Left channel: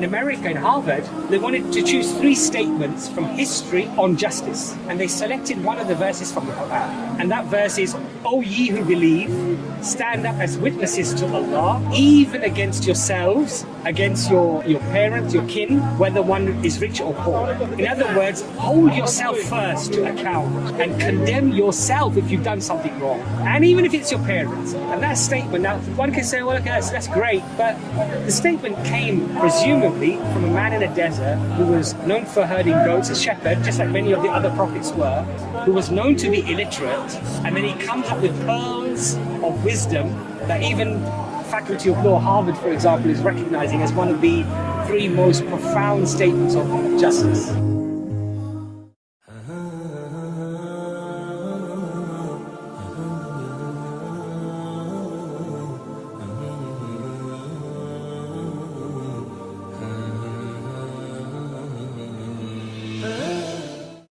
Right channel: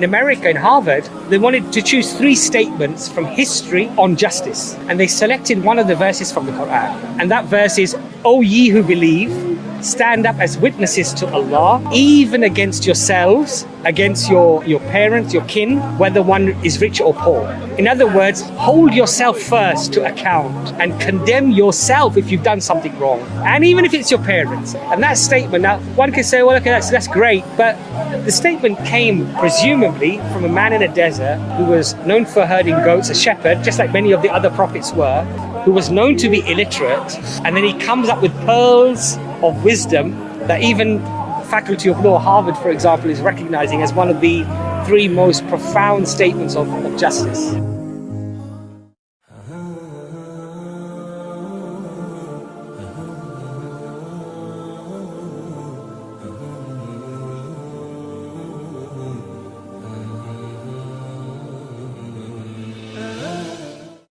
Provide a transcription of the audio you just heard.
in America, in Harvard, they wanted to choose 3 statements from history on justice. And they selected one of the verses from the Quran. And that verse is, "O ye who believe, stand up as witnesses to Allah, even against yourselves, against your parents, your kin, whether one is rich or poor." In other words, hold yourself first to account and condemn yourself if you've done something wrong. And even if it's your parents. And that statement, now one can say, well, okay, that's great. But the statement came presumably from a man in a desert who was known for herding goats, a shepherd, just like many of the other prophets were, who was known to be illiterate. And then he comes up with pearls of wisdom that even Faculty of Law, Harvard, for example, is recognizing as one of the 3 most profound statements of justice.